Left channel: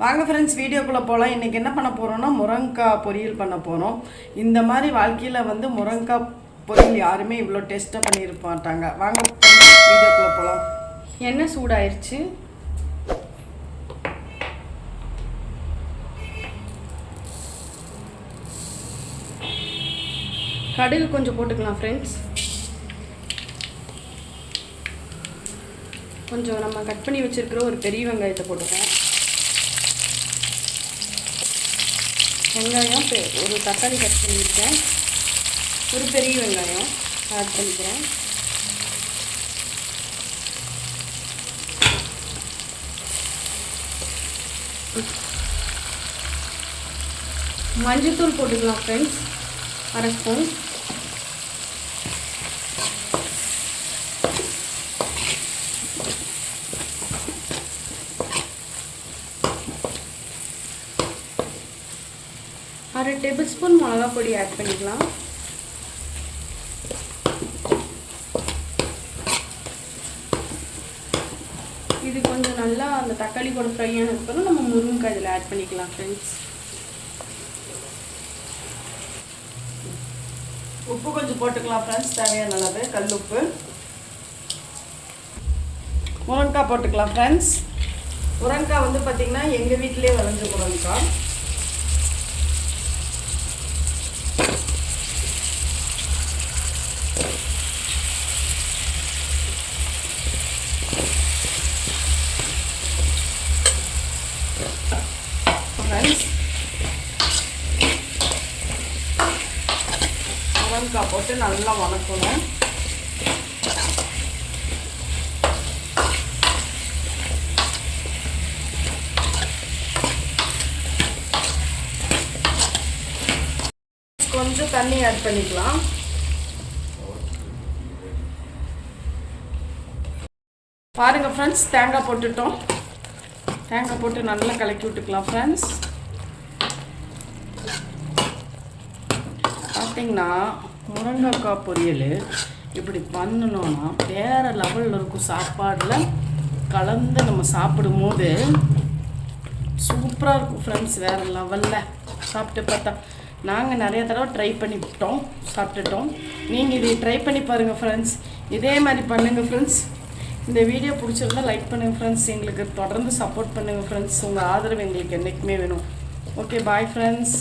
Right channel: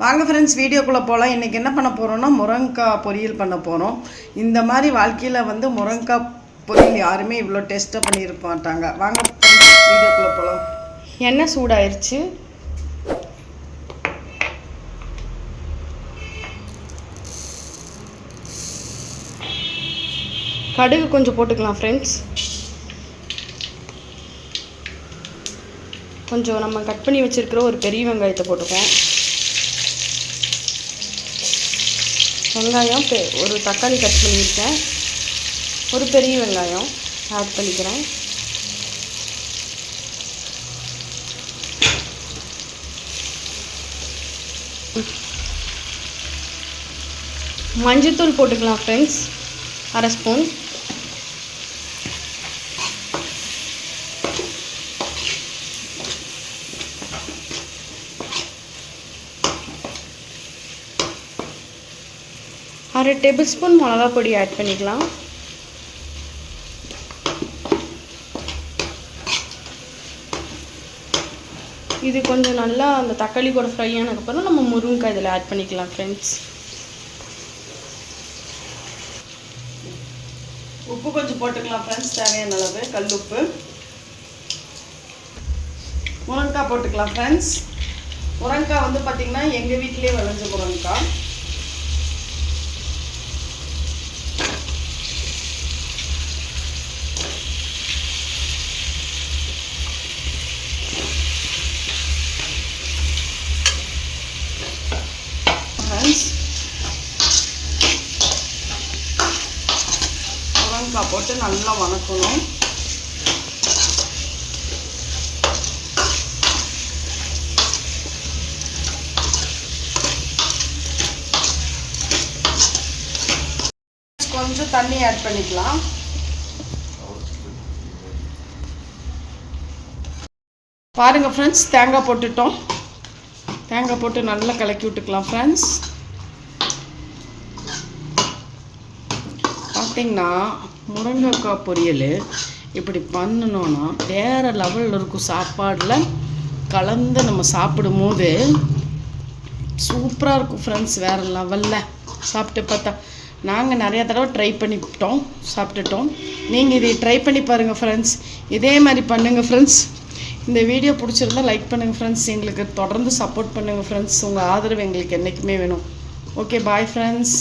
வாங்க ஃப்ரெண்ட்ஸ், வீடியோக்குள்ளே போகலாம். இன்றைக்கி என்ன பண்ண போகிறோன்னா முருங்கைக்காய் பொரியல் பண்ண போகிறோம். இந்த மாதிரி வாழ்க்கையில் முருங்கைக்காய் பொரியல் யாருமே இவ்வளோ டேஸ்ட்டாக பண்ணியிருக்க மாட்டாங்க. வாங்க வீடியோக்குள்ளே போகலாம். எண்ணெய் சூடாயிருச்சு. கடுகு கொஞ்சம் போட்டுக்கலாம் ஃப்ரெண்ட்ஸ். கொஞ்சம் நம்ம கட் பண்ணி வச்சுருக்கிற ஒரு பெரிய வெங்காயத்தை போட்டுப்போம். வெங்காயம் ஒரு தக்காளி கட் பண்ணியிருக்கேன், ஒரு பெரிய வெங்காயம் ஆட் பண்ணிக்கிறேன். மஞ்சத்தூள் போட்டுக்கலாம் ஃப்ரெண்ட்ஸ், 1/2 ஸ்பூன். அரை டேபிள் ஸ்பூன் மிளகா பொடி ஆட் பண்ணிக்கலாம். இது கொஞ்சம் நல்லா அந்த தக்காளி கூட ஃப்ரை ஆனதுக்கப்புறம் நம்ம முருங்கைக்காய் இதில் ஆட் பண்ணிக்கலாம் ஃப்ரெண்ட்ஸ். உப்பு கொஞ்சம் போட்டுக்கலாம் ஃப்ரெண்ட்ஸ், தேவையான அளவு கல் உப்பு. முருங்கைக்காய் போட்டுக்கலாம் ஃப்ரெண்ட்ஸ். முருங்கைக்காய் பார்த்திங்கன்னா எங்கள் வீட்டிலே விளைஞ்ச முருங்கைக்காய். முருங்கைக்காய் போட்டு நல்லா வதக்கணும். கொஞ்சம் தண்ணி ஆட் பண்ணிக்கலாம். பாருங்க ஃப்ரெண்ட்ஸ், தேங்காய் போட்டுட்டோம். தேங்காய் போட்டு நல்லா கலக்கி விட்டுக்கலாம் ஃப்ரெண்ட்ஸ். பார்த்திங்கன்னா முருங்கைக்காய் பொரியல் இப்படி பண்ணணுன்னா வேறு லெவலில் இருக்கும். சாப்பாடில் கலந்து நம்ம சாப்பிடும்போது சூப்பராக இருக்கும் ஃப்ரெண்ட்ஸ், வேறு லெவலில். சாப்பிட்டு பார்த்தா நாங்கள் நிறைய தடவை ட்ரை பண்ணிவிட்டோம், சாப்பிட்டுட்டோம். நீங்கள் இதை ட்ரை பண்ணி பாருங்கள் ஃப்ரெண்ட்ஸ். இதே மாதிரி பண்ணுங்கள் ஃப்ரெண்ட்ஸ். இந்த வீடியோ பிடிச்சிருந்தால் லைக் பண்ணுங்கள் ஃப்ரெண்ட்ஸ். எங்களுக்கு தொடர்ந்து சப்போர்ட் பண்ணுங்கள் ஃப்ரெண்ட்ஸ். உங்கள் ஆதரவு எங்களுக்கு என்றைக்குமே வேணும். Okay, bye friends.